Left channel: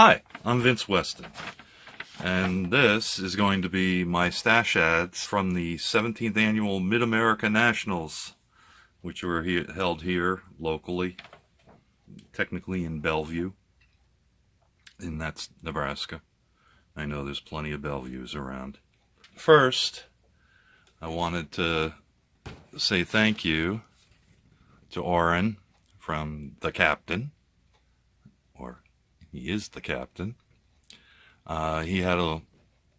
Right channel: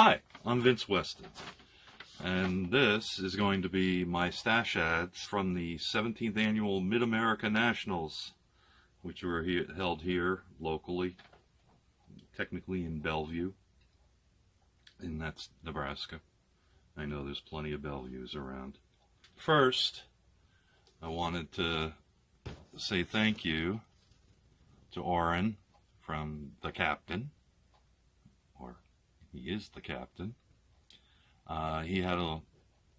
Hi, I'm Vince Weston, and this is going to be my stash ads from the 17th Annual Mid-America Nationals, which were held here locally, technically in Bellevue, and that's Nebraska. I know there's plenty of Bellevues around. First, I wanted to say thank you to Oren from the captain, or he is the captain. He had a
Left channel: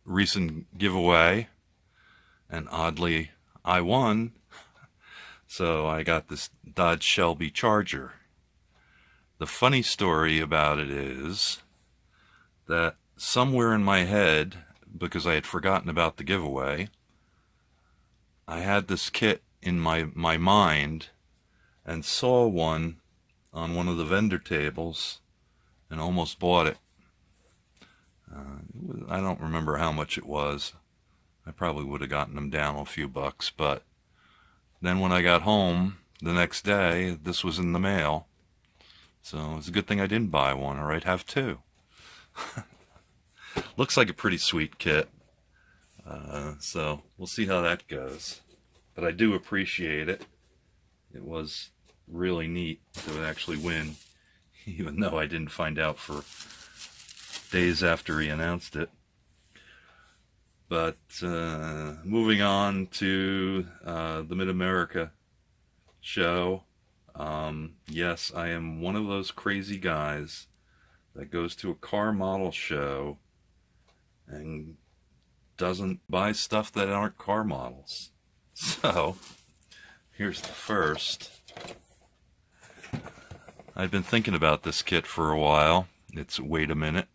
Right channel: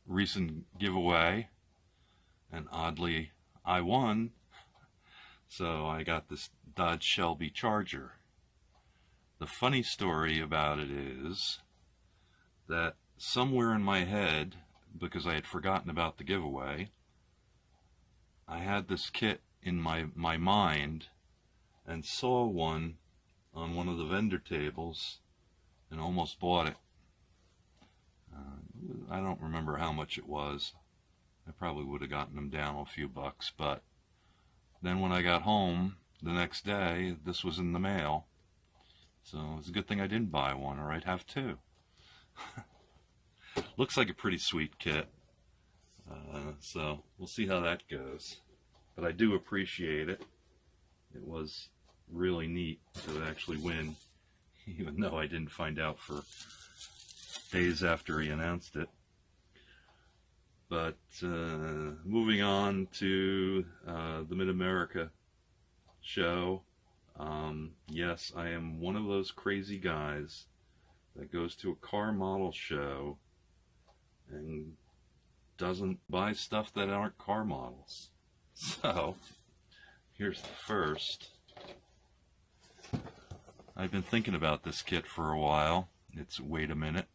recent giveaway, and oddly, I won. So I got this Dodge Shelby Charger. The funny story about it is that somewhere in my head, because I had forgotten about the giveaway, I had this kit in my mind and saw one on one of the vendor tables and almost bought it. I don't remember how much it was. I probably would have gotten them down a few bucks, but then when I got home the next day, this was in the mail. So it's a good thing I didn't buy one, or I'd have two. Looks like a pretty sweet kit. So we'll see how that goes. But I do appreciate it. It was really neat to actually win, even though I didn't find out for days after he announced it. But moving on to the Mid-America show. Yes, I am one of those crazy guys that goes to a car model show and doesn't buy stuff that aren't car models. So, here's the first. I've been thinking about this kit for a while. It's Wait a Minute.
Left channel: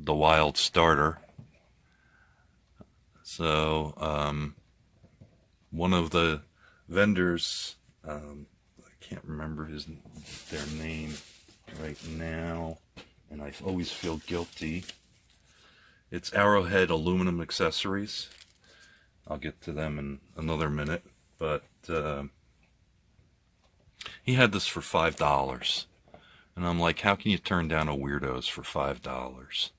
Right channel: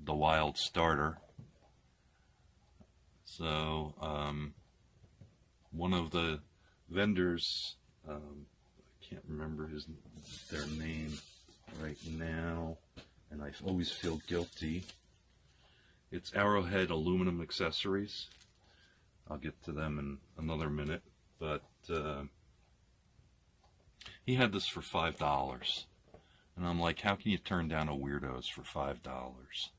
The Wild Starter. So, one of the vendors, I can't remember their name right now, and I always feel guilty. It's Arrowhead Aluminum Accessories. I'll get to them in another minute, but he had this for $5. And I'm like, how can you turn down a Weirdos for $5?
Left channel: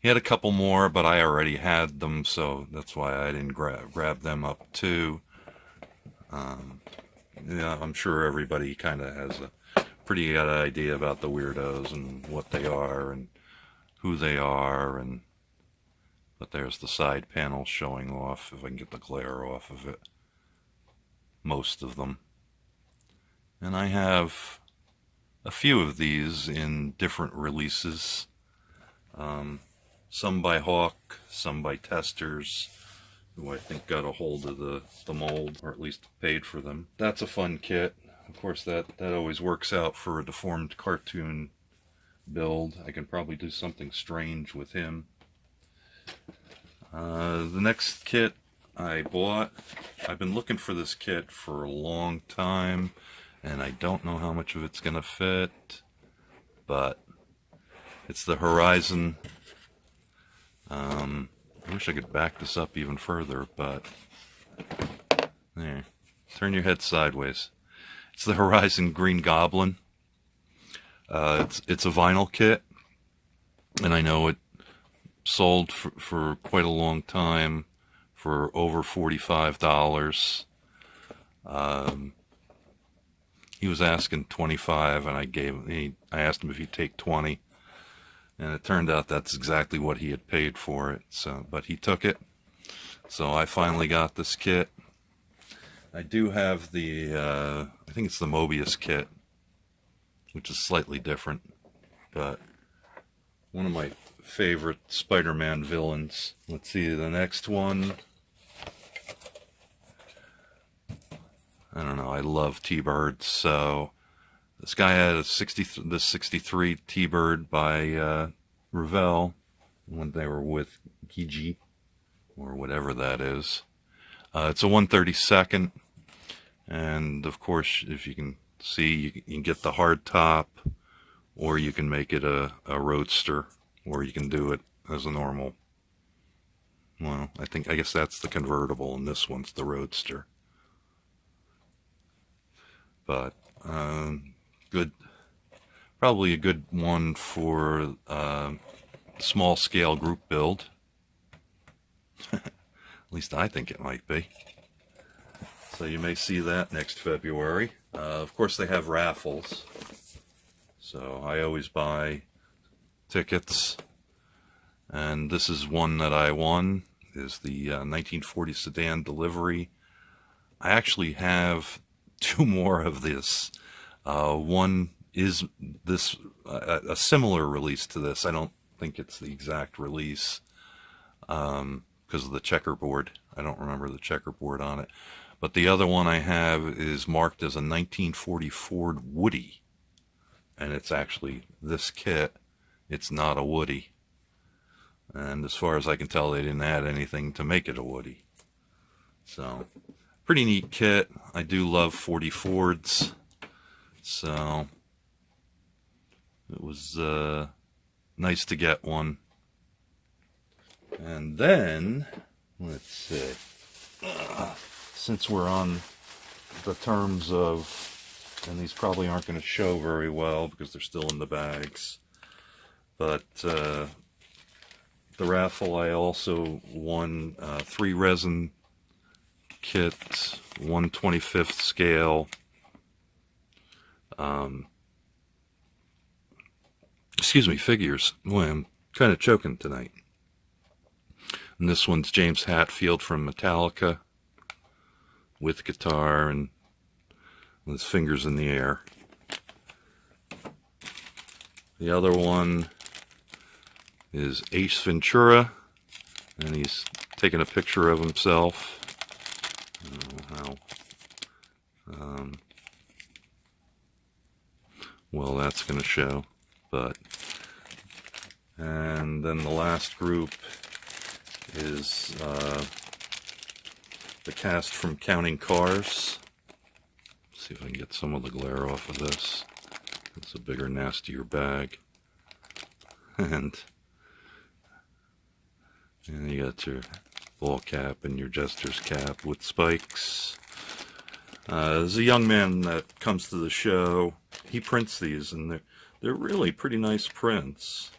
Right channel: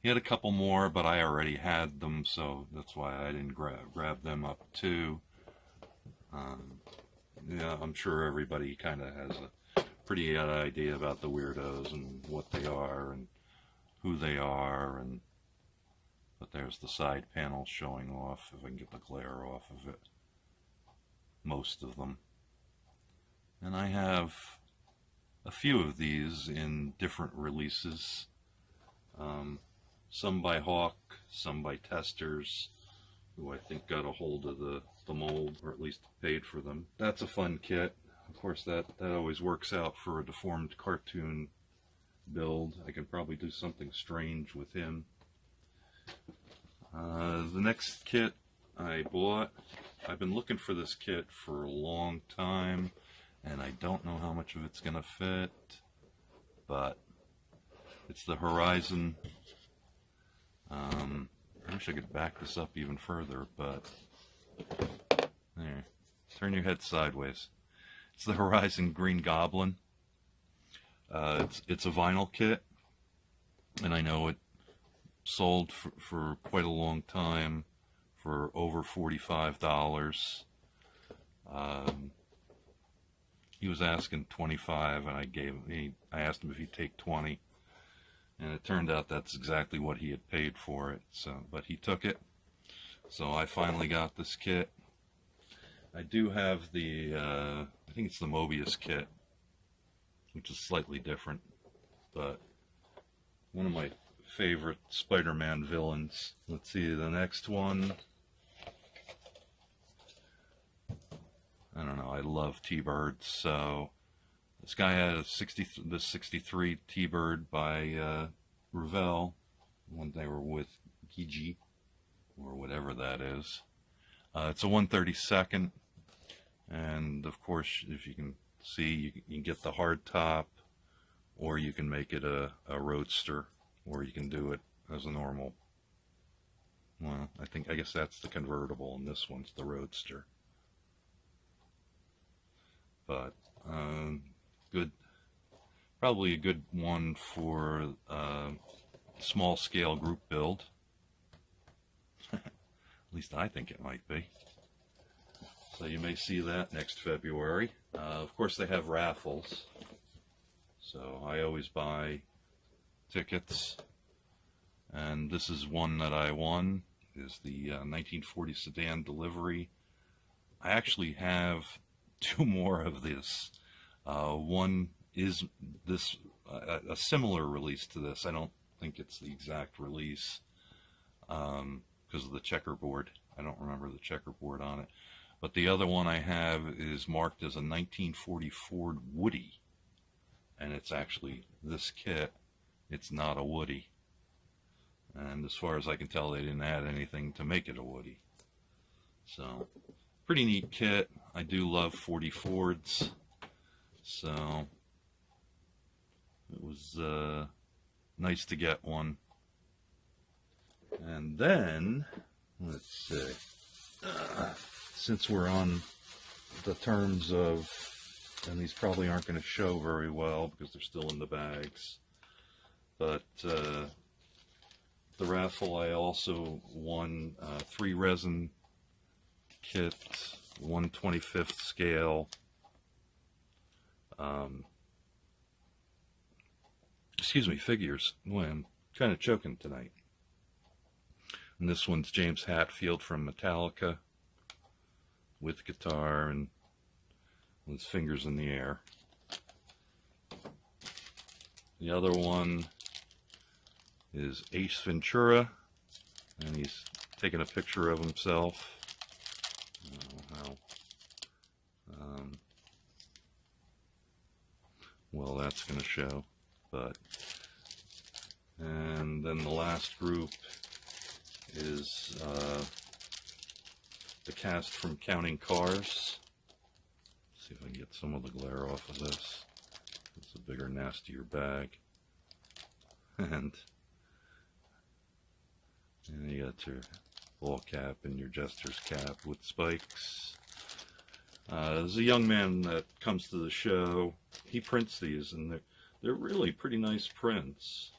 He had a couple more, but I already had them, so that's why I didn't grab them up too. Yeah, I'm sure everybody kind of has a pretty good idea about the Weirdos and what they are and who they are. But there's the side panel showing off, if I can get the glare off of it. Most of them. And I have a few of these in different releases. Some by Hawk, some by Testers, who I think got a hold of the mold, or at least paid for them. That's a fun kit. Of course, that always works out for a deformed cartoon build. I can probably do something strange with him. The next kit I bought, I've been looking for this kit for a long time, and I don't know how much of it's going to fit, but it's the Horizon. I wish I could back this up even further, but there. Turn your head sideways. It's the Horizon Green Goblin. It's a vinyl kit, and I know it sold for quite a long time for over $45. He was asking $25, and I asked him if he'd take $20, and it turned out that's exactly what he had paid for it. So, but he took it. So I finally got this kit. I do have the I think it's the Mobius kit, which is slightly different, but one of my favorite Spider-Man villains. Let's see the next one. I don't know, I love T-Birds, so this guy had the 63 T-Bird by Revell when they were with Gigi, or whatever that is. It's a 132nd, and of course, if you can see, you can get the hard top, or you can make it a roadster, or you can do it as a normal. Well, I guess that's the convertible, and this one's the roadster. But Good, probably a good one for small scale group build. At least I think it might be. So you may see that next February. Of course, they have raffles. So I always buy tickets. And this is one that I won, is the 1940 sedan delivery. I actually have two more of this. One is this a similar release to this. I don't think it's the exact release because of the checkerboard. I don't remember the checkerboard on it. But the other one I have is marked as a 1940 Ford Woody. And it's actually this kit. It's not a Woody. And as far as I can tell, they didn't add anything to make it a Woody. So, pretty neat kit. I do love 40 Fords. So, it was nice to get one. And then, let's see. Since we're on the terms of, and these probably aren't going to show very well because they're still in the bags, but the raffle, I also won 3 resin kits, 1/25th scale, figures. Boy, I'm kind of choking tonight. And this one's James Hetfield from Metallica with guitar and with his fingers in the air. The other one is Ace Ventura, and he's taking a picture of himself. I don't know how well that's going to show, but and then the last group is the cast from Counting Cars. Let's see if I can get some of the glare off of this. It's a bigger, nastier bag. And you got your ball cap and your jester's cap with spikes. There's a young man that comes to the show. He prints these, and they're really pretty nice prints.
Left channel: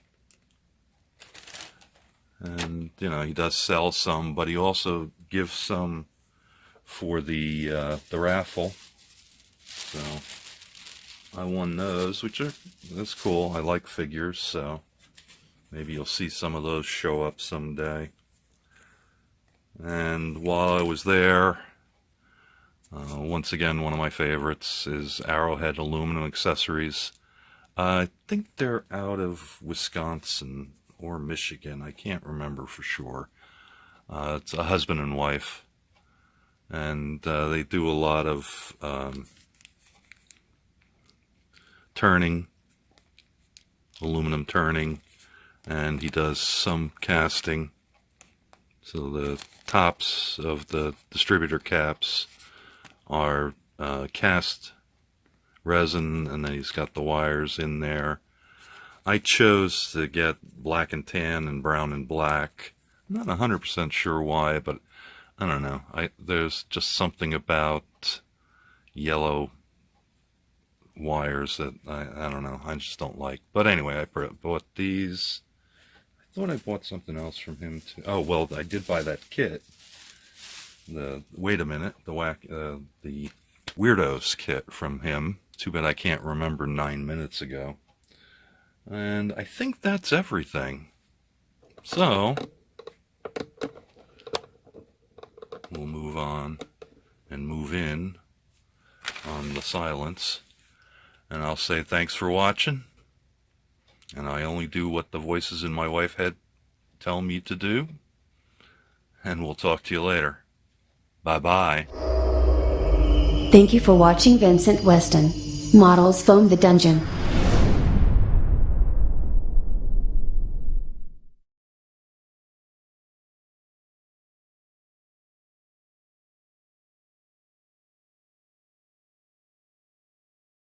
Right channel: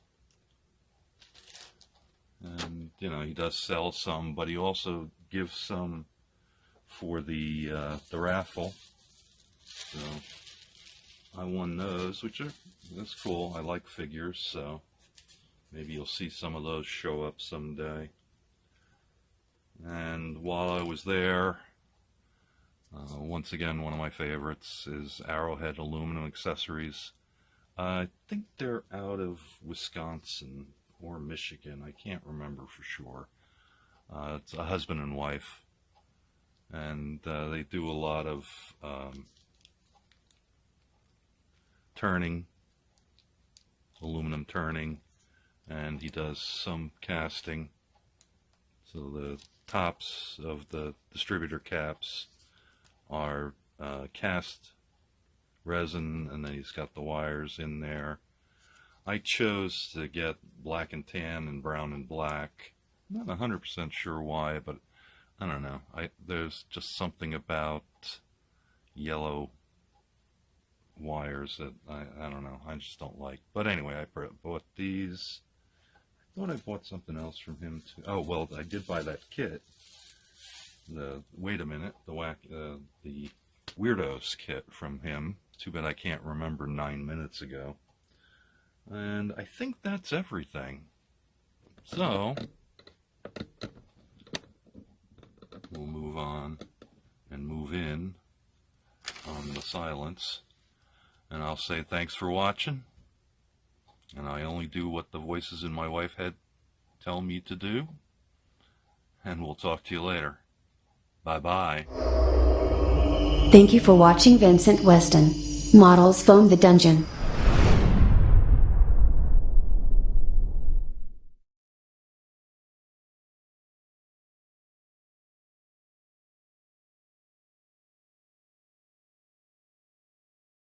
And you know, he does sell some, but he also gives some for the raffle. So I won those, that's cool. I like figures, so maybe you'll see some of those show up someday. And while I was there, once again, one of my favorites is Arrowhead Aluminum Accessories. I think they're out of Wisconsin or Michigan. I can't remember for sure. It's a husband and wife, and they do a lot of turning, aluminum turning, and he does some casting. So the tops of the distributor caps are cast resin, and then he's got the wires in there. I chose to get black and tan and brown and black. I'm not 100% sure why, but I don't know. There's just something about yellow wires that I don't know. I just don't like. But anyway, I bought these. I thought I bought something else from him too. Oh well, I did buy that kit. Wait a minute, the Weirdos kit from him. Too bad I can't remember 9 minutes ago. And I think that's everything. So we'll move on and move in on the silence. And I'll say thanks for watching. And I only do what the voices in my wife's head tell me to do. And we'll talk to you later. Bye-bye. Thank you for watching Vincent Weston Models Foam the Dungeon.